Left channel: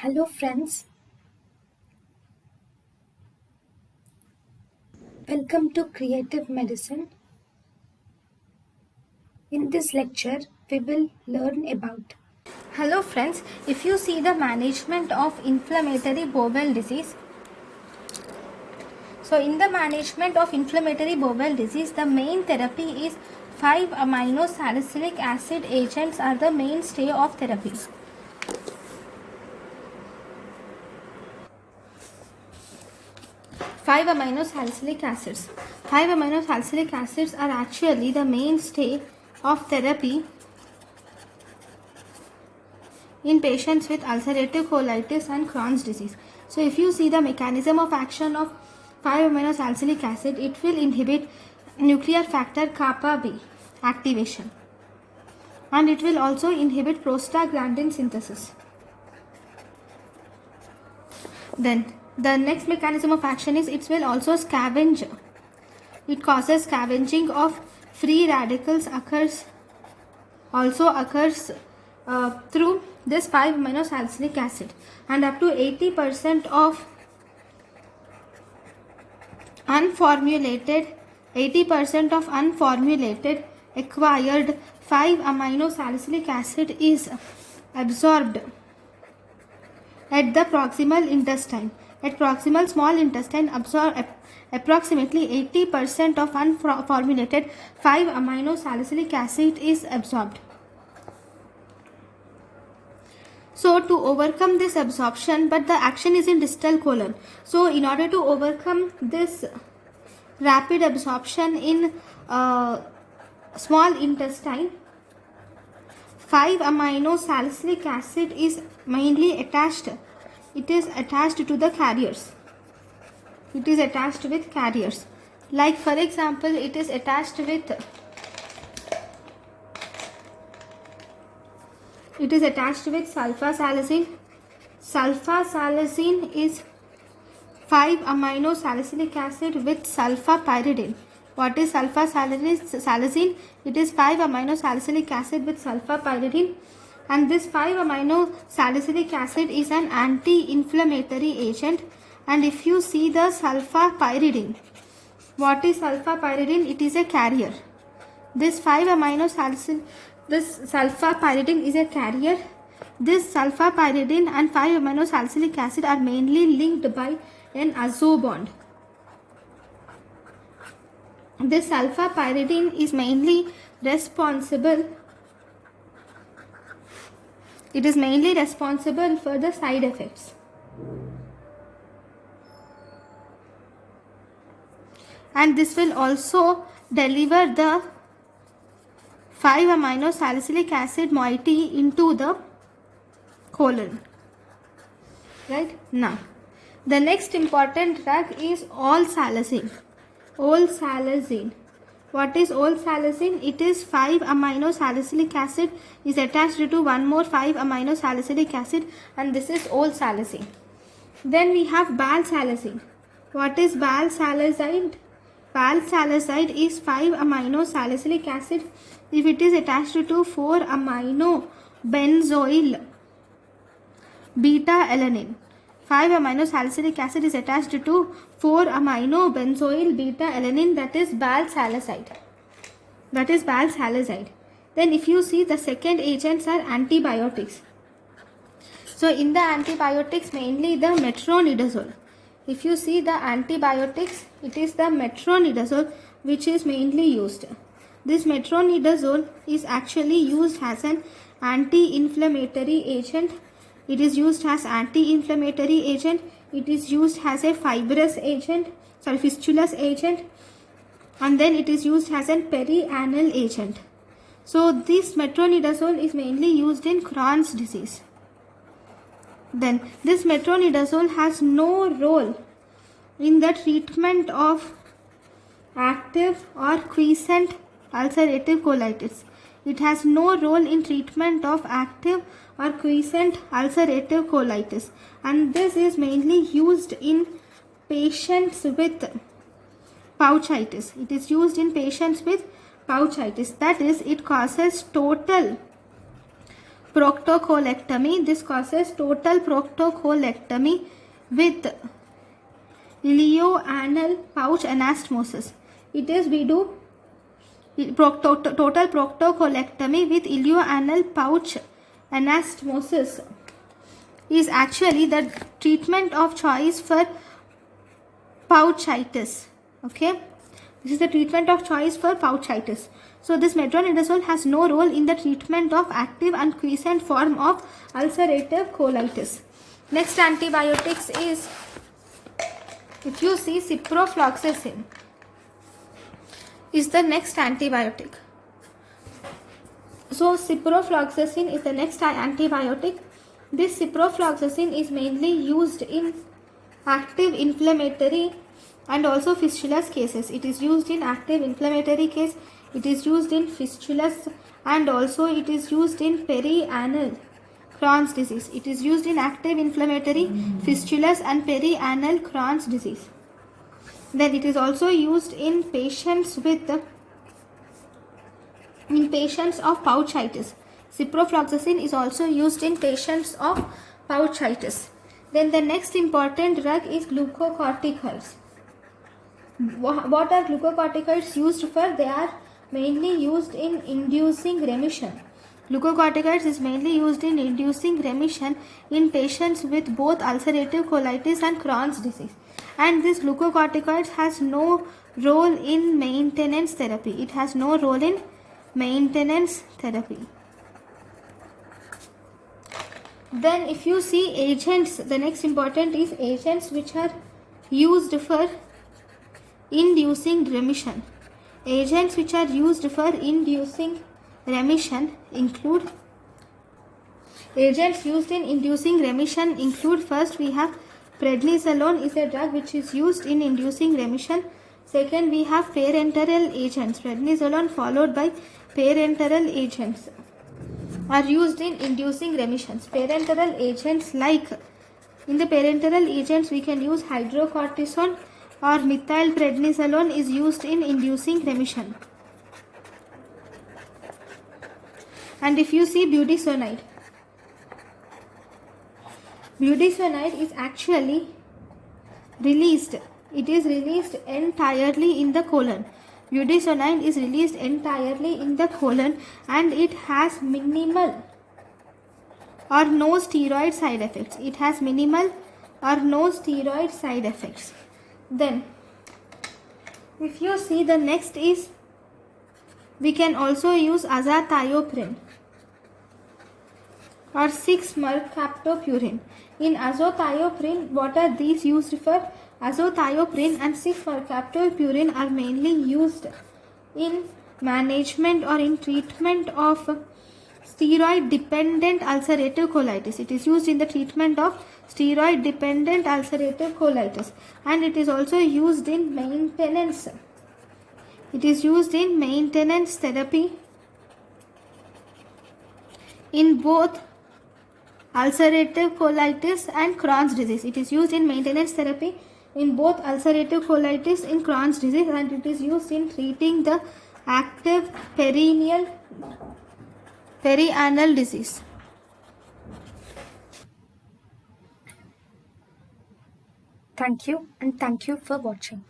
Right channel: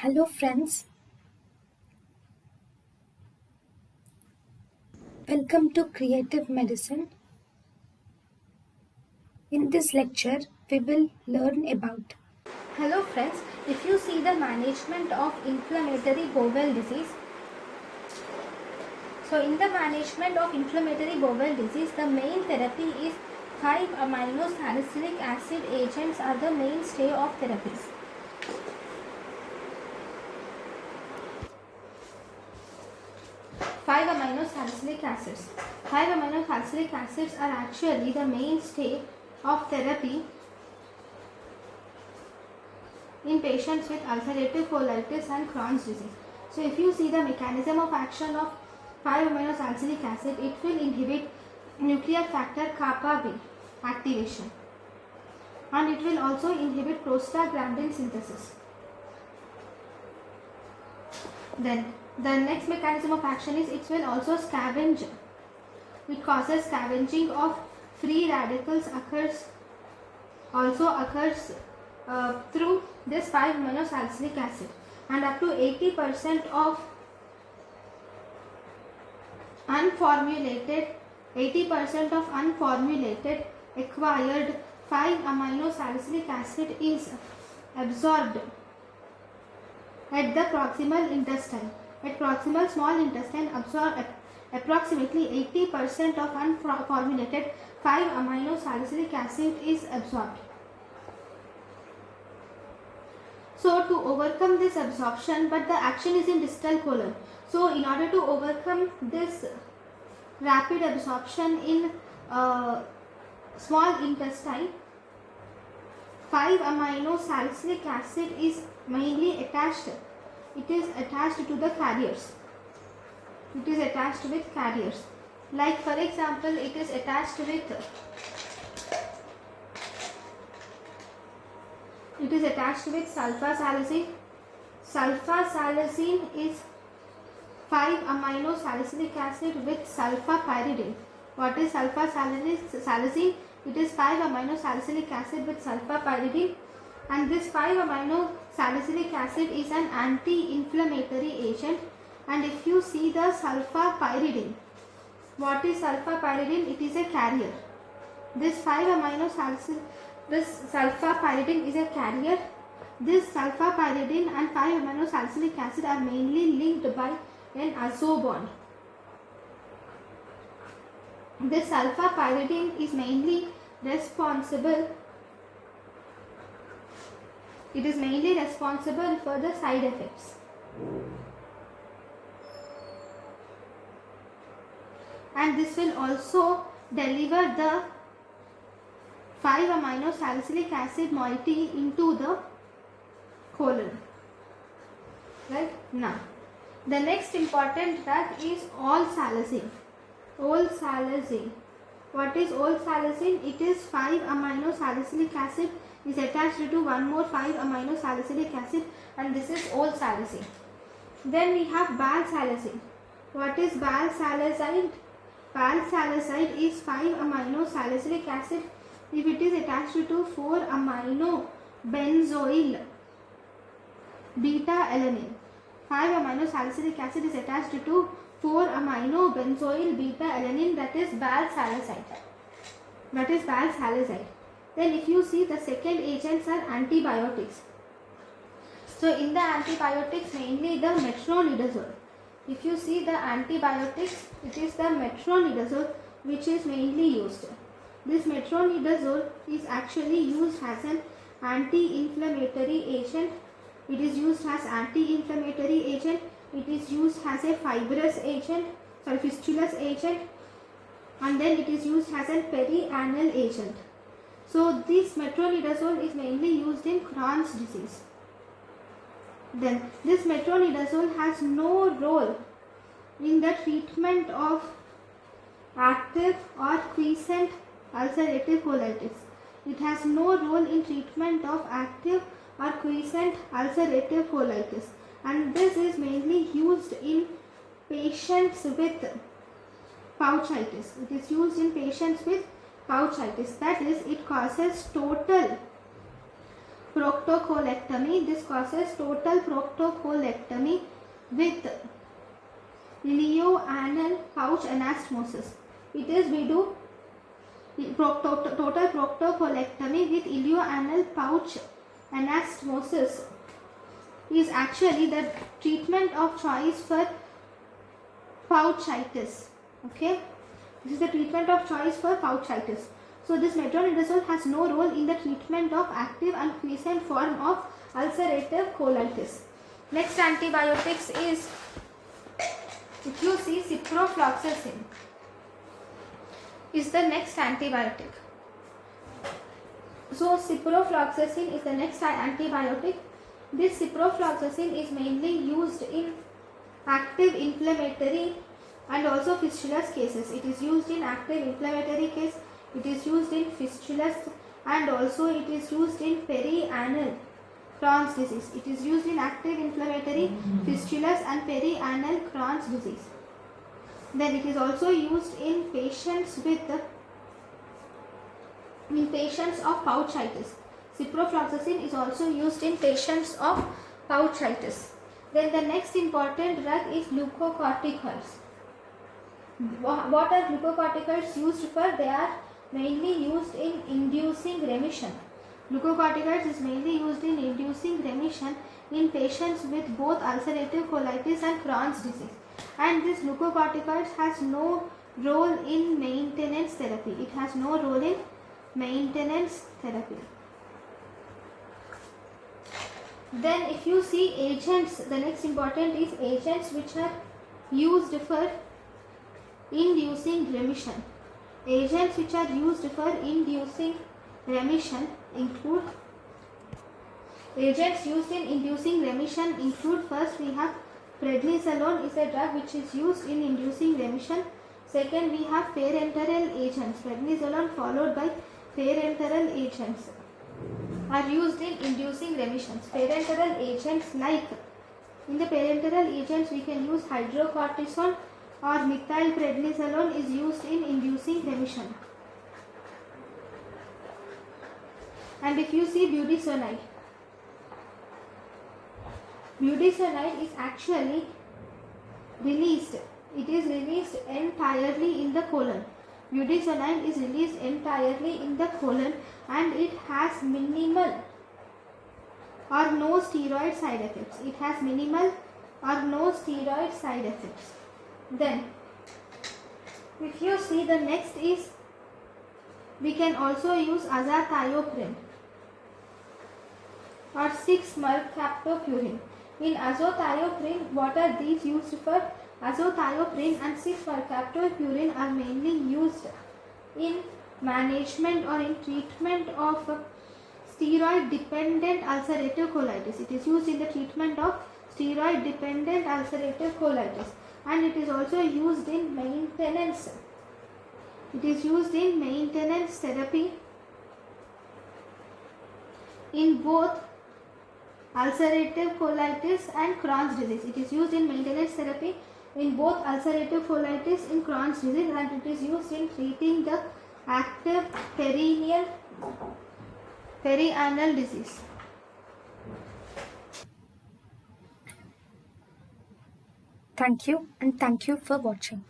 Hello friends, welcome to Creative Medicine. In this lecture, we will learn about. Hello friends, if you see the management of inflammatory bowel disease. So in the management of inflammatory bowel disease, the main therapy is 5-amino salicylic acid agents are the mainstay of therapies. Five amino salicylic acids. 5-amino salicylic acids are actually the mainstay of therapy in patients with ulcerative colitis and Crohn's disease. So if you see the mechanism of action of 5-amino salicylic acid, it will inhibit nuclear factor kappa B activation, and it will also inhibit prostaglandin synthesis. Then the next mechanism of action is it will also scavenge. It causes scavenging of free radicals occurs through this 5-amino salicylic acid, and up to 80% of unformulated acquired 5-amino salicylic acid is absorbed at the proximal intestine. At proximal small intestine, approximately 80% of unformulated 5-amino salicylic acid is absorbed. So to overcome this absorption, but the action is in distal colon. So in order to overcome this rapid absorption in small intestine, 5-amino salicylic acid is mainly attached. It is attached to the carriers. It is attached with carriers. Like for example, it is attached with sulfasalazine. Sulfasalazine is 5-amino salicylic acid with sulfapyridine. What is sulfasalazine? It is 5-amino salicylic acid with sulfapyridine, and this 5-amino salicylic acid is an anti-inflammatory agent. And if you see the sulfapyridine, what is sulfapyridine? It is a carrier. This sulfapyridine is a carrier. This sulfapyridine and 5-amino salicylic acid are mainly linked by an azo bond. This sulfapyridine is mainly responsible. It is mainly responsible for the side effects. And this will also deliver the 5-amino salicylic acid moiety into the colon. Right? Now, the next important drug is olsalazine. Olsalazine. What is olsalazine? It is 5-amino salicylic acid is attached to one more 5-amino salicylic acid, and this is olsalazine. Then we have balsalazine. What is balsalazine? Balsalazine is 5-amino salicylic acid if it is attached to 4-amino benzoyl beta-alanine. 5-amino salicylic acid is attached to 4-amino benzoyl beta-alanine, that is balsalazide. Then if you see, the second agents are antibiotics. So in the antibiotics, mainly the metronidazole. If you see the antibiotics, it is the metronidazole which is mainly used. This metronidazole is actually used as an anti-inflammatory agent. It is used as anti-inflammatory agent. It is used as a fistulous agent, and then it is used as a perianal agent. So this metronidazole is mainly used in Crohn's disease. Then this metronidazole has no role in the treatment of active or quiescent ulcerative colitis. It has no role in treatment of active or quiescent ulcerative colitis, and this is mainly used in patients with pouchitis. It is used in patients with pouchitis, that is, it causes total proctocolectomy. This causes total proctocolectomy with ileoanal pouch anastomosis. It is we do total proctocolectomy with ileoanal pouch anastomosis is actually the treatment of choice for pouchitis. Okay, this is the treatment of choice for pouchitis. So this metronidazole has no role in the treatment of active and quiescent form of ulcerative colitis. Next antibiotics is, if you see, ciprofloxacin is the next antibiotic. So ciprofloxacin is the next antibiotic. This ciprofloxacin is mainly used in active inflammatory and also fistulous cases. It is used in active inflammatory case, it is used in fistulous, and also it is used in perianal Crohn's disease. It is used in active inflammatory, fistulous and perianal Crohn's disease. Then it is also used in patients of pouchitis. Ciprofloxacin is also used in patients of pouchitis. Then the next important drug is glucocorticals. What are glucocorticals used for? They are mainly used in inducing remission. Glucocorticals is mainly used in inducing remission in patients with both ulcerative colitis and Crohn's disease. And this glucocorticals has no role in maintenance therapy. It has no role in maintenance therapy. Then if you see agents, the next important is agents which are used for inducing remission. Agents which are used for inducing remission include, agents used in inducing remission include, first we have prednisolone is a drug which is used in inducing remission. Second, we have parenteral agents. Prednisolone followed by parenteral agents are used in inducing remissions. Parenteral agents, like in the parenteral agents we can use hydrocortisone or methylprednisolone is used in inducing remission. And if you see budesonide is actually released. It is released entirely in the colon. Budesonide is released entirely in the colon and it has minimal or no steroid side effects. It has minimal or no steroid side effects. Then if you see, the next is, we can also use azathioprine or 6-mercaptopurine. In azathioprine, what are these used for? Azathioprine and 6-mercaptopurine are mainly used in management or in treatment of steroid dependent ulcerative colitis. It is used in the treatment of steroid dependent ulcerative colitis, and it is also used in maintenance. It is used in maintenance therapy in both ulcerative colitis and Crohn's disease. It is used in maintenance therapy in both ulcerative colitis and Crohn's disease, and it is used in treating the active perianal disease. Thank you, and thank you for watching.